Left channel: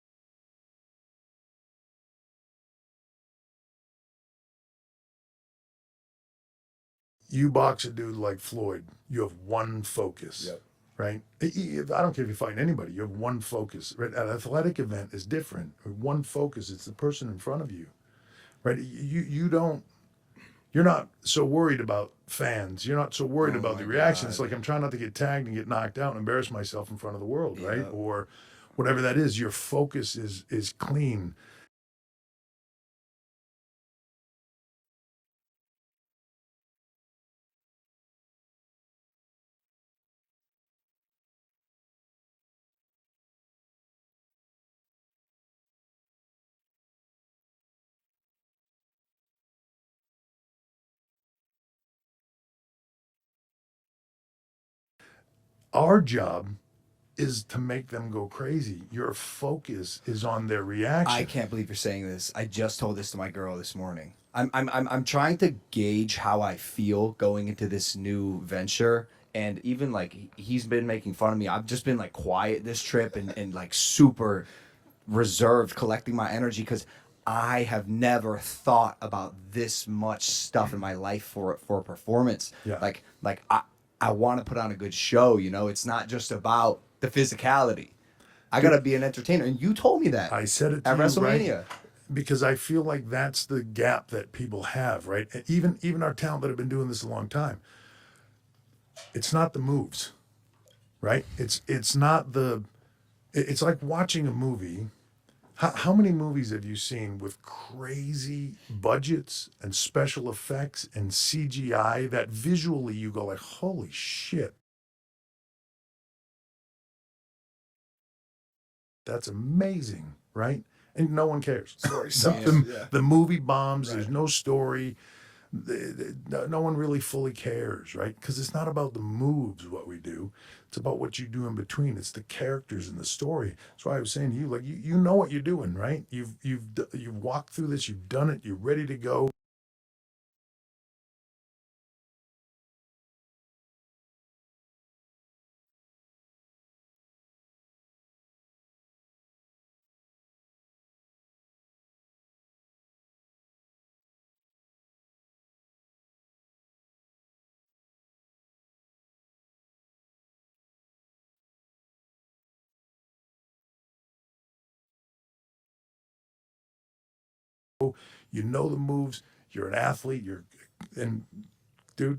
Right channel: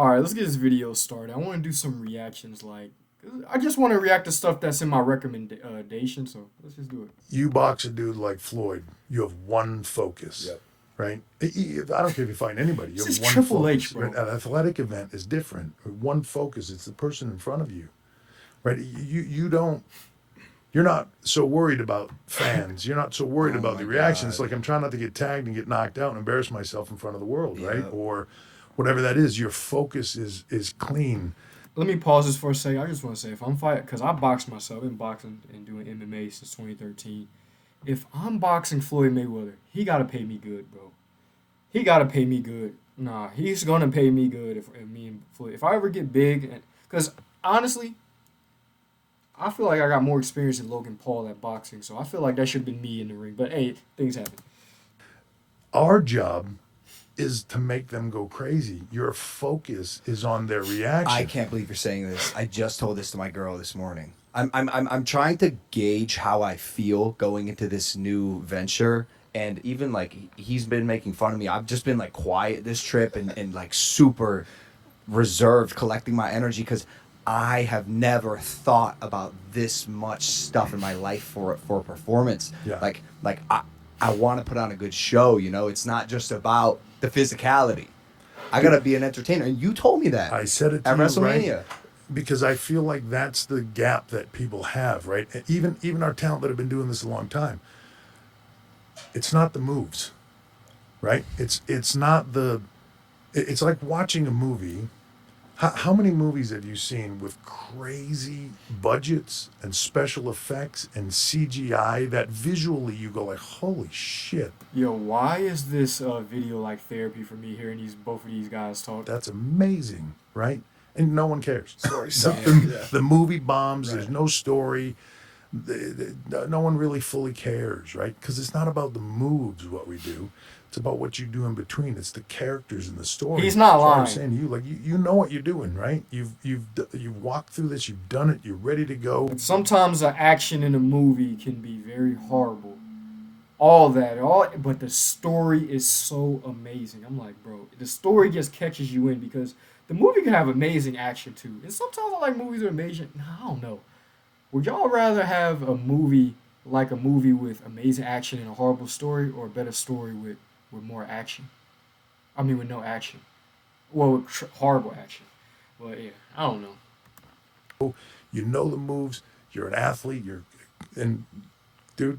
All right, let's get this video started. I want to do some reactions. I just want to react to stuff that's in my recommendation. So let's just do it. You box a dude like Floyd, you have one focus, Yep. right? I don't care if you find anybody, you This have is one Triple focus. H, Right? bro. An athletic event is different. One focus. It's the person in front of you, right? You're not so worried about fans. You're not so worried Oh about my the reactions. God. Like I'm trying not to get tagged and get knocked out and embarrass myself in front of the world, right? Yep. Or whatever that is. Your focus is clean. Let me pause this for a second. I just want to say, if I'm fighting, because I box myself, I've been boxing and doing MMA since 2013. If I'm boxing Floyd Mayweather, he gotta pay me good, bro. He gotta pay me good. Nah, he's gonna pay me good if me and Floyd. If I ever get big, because honestly, I feel like I got more experience than Logan Paul at boxing, so I feel like that should have been me in the ring. But hey, things happen. Our job is to make them go crazy. Your focus is on their I reaction. can't believe you're saying this. I just told this to my girl this morning. I'm trying to gauge how I feel going into this new venture. And even like he's been making fun of me. I've just been like quiet this trip and like super reserved, collecting my energy because I have never thought about this much stuff in my life for performance. Yeah. I want to put on a good show. It's not just about the physicality. I gotta be an entertainer, and you told me that I said it to at you, WrestleMania. right? Because I feel like that's the gap that people have, right? Even our talent that have been doing this a long time. It's not the moves, right? It's not the. It's like watching a movie. How many movies have you seen with crazy budgets and special effects and CGI that visually you go like, holy shit, Yo, why is this video like therapy for me hearing both of these guys talk? that's amazing, right? And no one cares. Story The, sucks. the movie bombs. There's Right. no story. No one really fully cares, right? Because it's not about the moves what we do. It's about what you do in between. It's the characters and the story. He's not That's why I lying. was saying to you, like you know what you're doing, right? You've walked through this. You've done it. You're ready to go. Sometimes the action in a movie can be very horrible. But the story is so amazing. I'm like, bro, the story just catches you in because the movie can have amazing action too. And sometimes I like movies with amazing. I don't know. Would y'all rather have a movie with amazing action and a horrible story, or a better story with more action? I mean, with no action. Well, with horrible action. But yeah, I don't know. You know the moves. You're an athlete. And dude,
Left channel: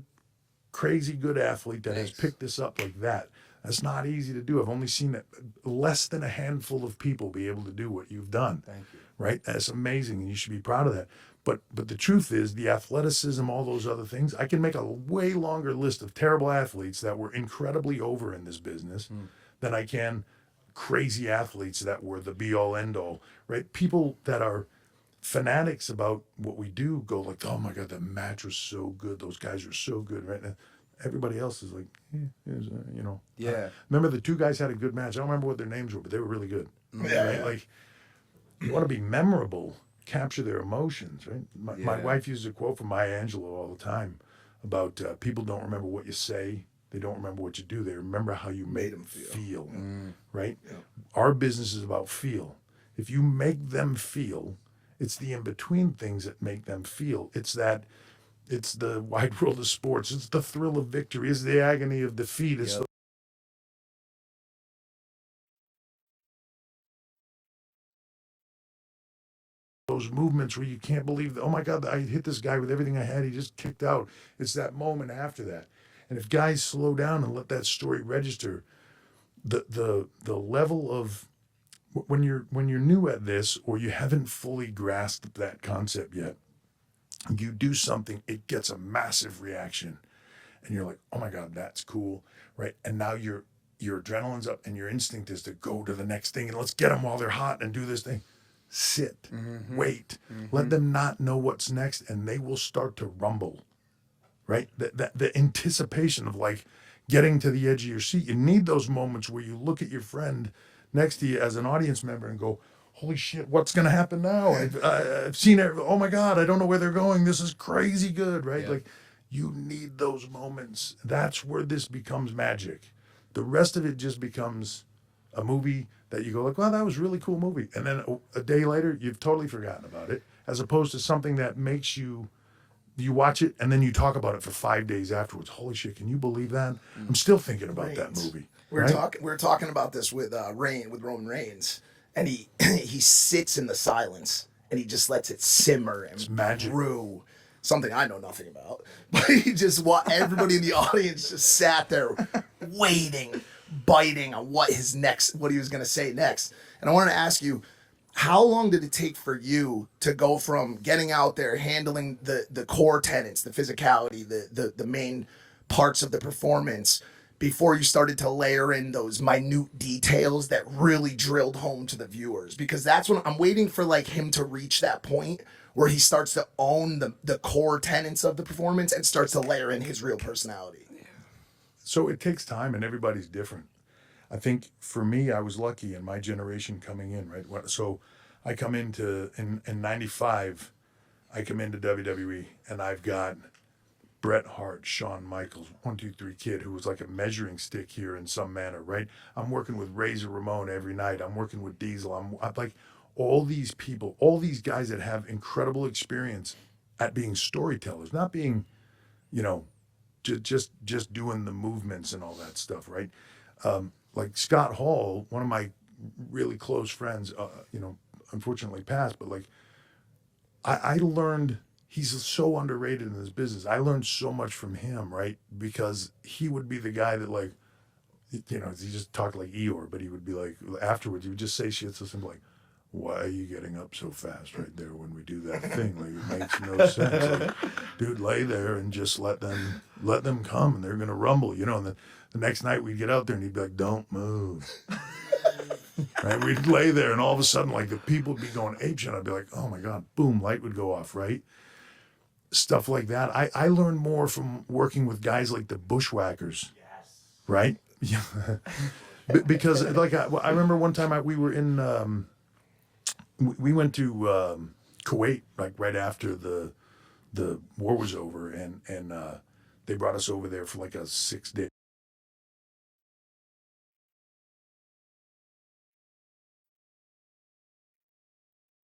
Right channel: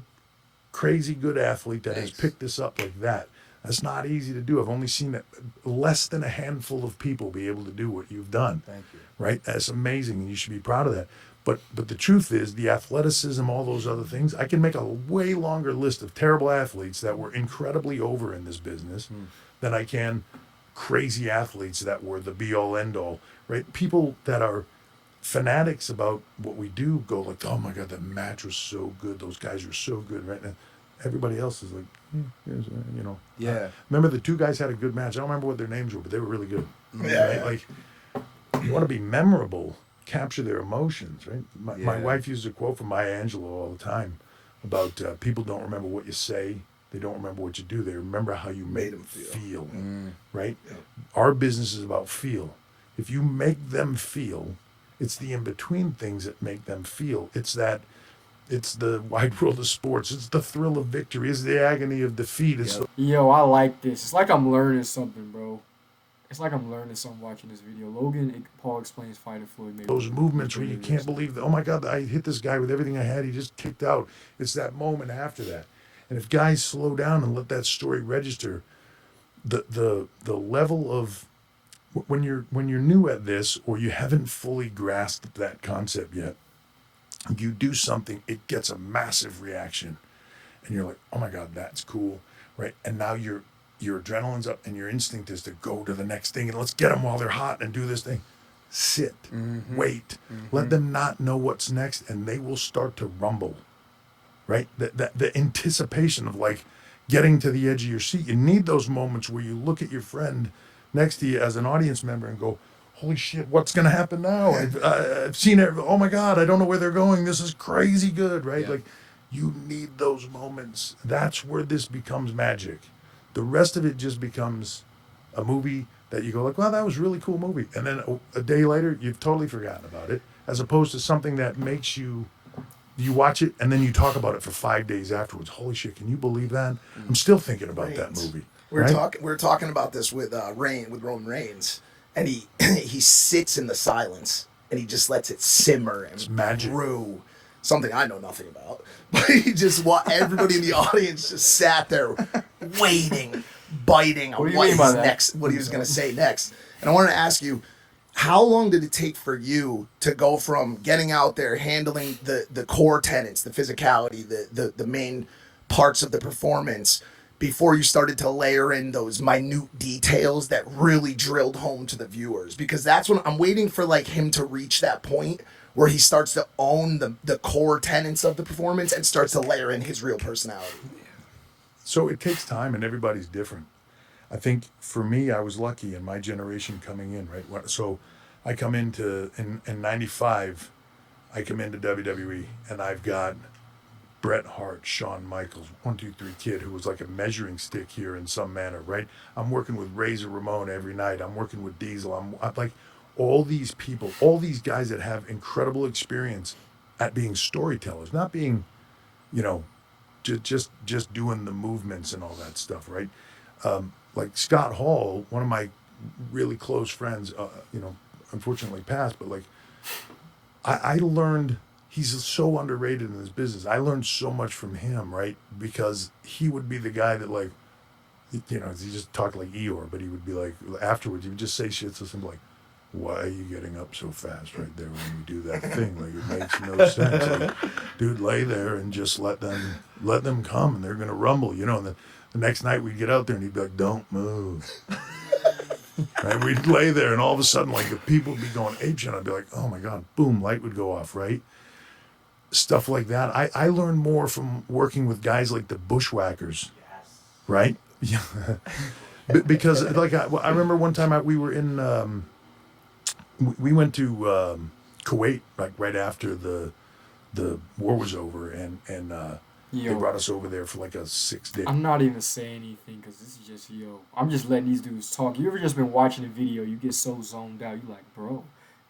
crazy good athlete that has Thanks. picked this up like that. That's not easy to do. I've only seen it less than a handful of people be able to do what you've done. Thank you. Right? That's amazing, and you should be proud of that. But the truth is, the athleticism, all those other things, I can make a way longer list of terrible athletes that were incredibly over in this business than I can crazy athletes that were the be all end all. Right? People that are fanatics about what we do go like, oh my god, that match was so good. Those guys are so good, right? And everybody else is like, yes, you know. Yeah. Remember the two guys had a good match. I don't remember what their names were, but they were really good. Yeah. Right? Like you want to be memorable, capture their emotions, right? My Yeah. wife uses a quote from Maya Angelou all the time about people don't remember what you say, they don't remember what you do, they remember how you made them feel. Right? Yep. Our business is about feel. If you make them feel, it's the in between things that make them feel. It's the wide world of sports. It's the thrill of victory. It's the agony of defeat. It's Yep. Yo, I like this. It's like I'm learning something, bro. It's like I'm learning something watching this video. Paul explains fighting Floyd Mayweather. those movements where you can't believe that, oh my God, I hit this guy with everything I had. He just kicked out. It's that moment after that. And if guys slow down and let that story register, the level of when you're new at this or you haven't fully grasped that concept yet, you do something, it gets a massive reaction. And you're like, oh my God, that's cool. Right. And now your adrenaline's up and your instinct is to go to the next thing and let's get them while they're hot and do this thing. Sit, wait, let them not know what's next and they will start to rumble, right? The anticipation of like getting to the edge of your seat. You need those moments where you look at your friend next to you as an audience member and go, holy shit, what's going to happen now? I've seen it. Oh my God, I don't know where they're going. This is crazy good, right? Yeah. Like you need those moments. That's where this becomes magic. The rest of it just becomes a movie that you go like, well, that was a really cool movie, and then a day later you've totally forgotten about it, as opposed to something that makes you watch it and then you talk about it for 5 days afterwards. Holy shit, can you believe that? I'm still thinking about that Reigns. movie. We were talking about this with Roman Reigns, and he he sits in the silence and he just lets it simmer and It's magic. brew. Something I know nothing about, but he just everybody in the audience just sat there waiting, biting What on do you mean by that? what he was going to say next. And I wanted to ask you, how long did it take for you to go from getting out there, handling the core tenets, the physicality, the main parts of the performance, before you started to layer in those minute details that really drilled home to the viewers? Because that's when I'm waiting for like him to reach that point where he starts to own the core tenets of the performance and starts to layer in his real personality. So it takes time, and everybody's different. I think for me, I was lucky in my generation coming in, right? So I come into, in 95, I come into WWE, and I've got Bret Hart, Shawn Michaels, 1-2-3 Kid, who was like a measuring stick here in some manner, right? I'm working with Razor Ramon every night. I'm working with Diesel. I'm like, all these people, all these guys that have incredible experience at being storytellers, not being, you know, just doing the movements and all that stuff, right? Like Scott Hall, one of my really close friends, unfortunately passed, but like I learned he's so underrated in this business. I learned so much from him, right? Because he would be the guy that like, he just talked like Eeyore, but he would be like, afterwards, he would just say shit to something like, why are you getting up so fast right there when we do that thing? Like, it makes no sense. Like, dude, lay there and just let them come, and they're gonna rumble, And the next night we'd get out there and he'd be like, don't move. Right? We'd lay there and all of a sudden, like, the people would be going apeshit, and I'd be like, oh my god, boom, light would go off, right? Stuff like that. I learned more from working with guys like the Bushwhackers, right? Yeah. Because like I remember one time we were in. We went to Kuwait like right after the war was over, and they Yo, brought us over there for like a 6 day. I'm not even saying anything because this is just I'm just letting these dudes talk. You ever just been watching a video, you get so zoned out, you like, bro,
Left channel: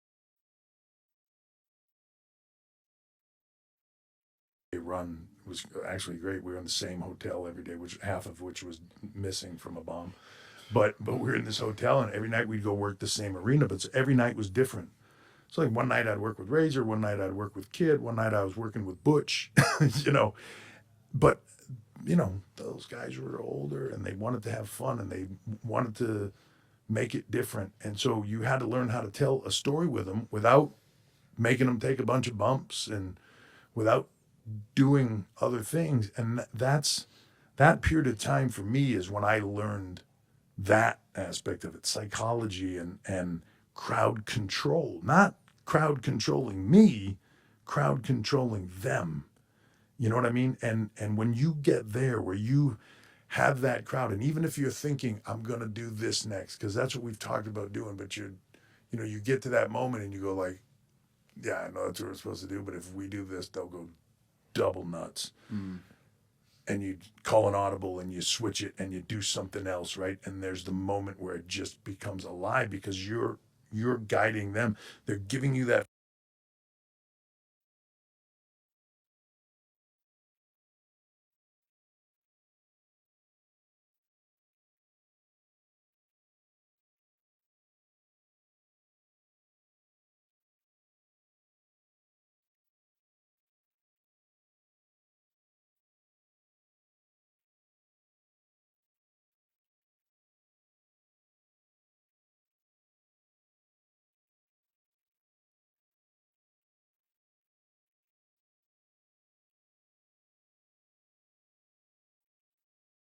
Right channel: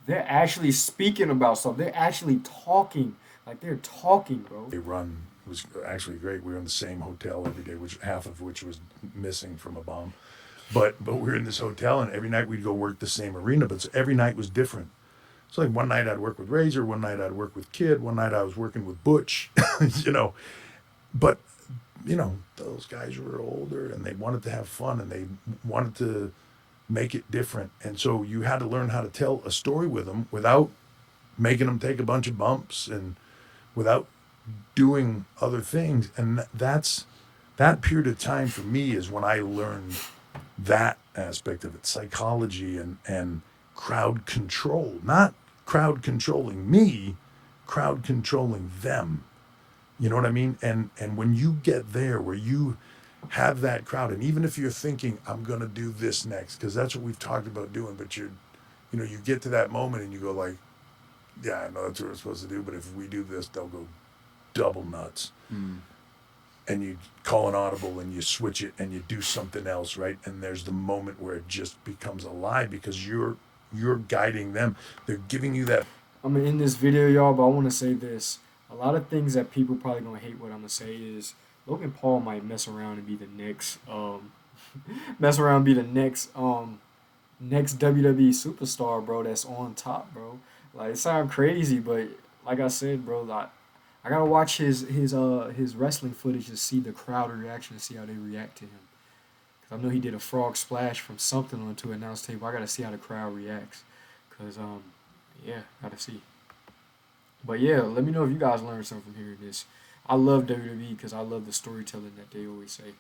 they're actually speaking about something. They're actually talking. Like they're talking, bro. They run was actually great. We were in the same hotel every day, which half of which was missing from a bomb. But we were in this hotel, and every night we'd go work the same arena, but every night was different. So like one night I'd work with Razor, one night I'd work with Kid, one night I was working with Butch, But those guys were older and they wanted to have fun and they wanted to make it different. And so you had to learn how to tell a story with them without making them take a bunch of bumps and without doing other things. And that period of time for me is when I learned that aspect of it, psychology and crowd control, not crowd controlling me, crowd controlling them. You know what I mean? And when you get there where you have that crowd, and even if you're thinking, I'm going to do this next, because that's what we've talked about doing, but you get to that moment and you go like, yeah, I know that's what we're supposed to do, but if we do this, they'll go double nuts. Mm. And you call an audible and you switch it and you do something else, right? And there's the moment where it just becomes alive because you're guiding them. They're giving you that. I'm gonna end this video, y'all, but I want to say this. A lot of things that people probably gonna hate what I'm gonna say is Logan Paul might mess around and be the next next WWE superstar, bro. That's on top, bro. Like it sounds crazy, but like I said, bro, like I gotta watch his wrestling footage to see the crowd reaction, to see how they react to him. Cause I know he did a frog splash from something onto an announce table. I gotta see how the crowd reacts. Cause yeah, gotta see. But yeah, let me know if you guys learned something from hearing this. I love WWE because I love the storytelling that they always say.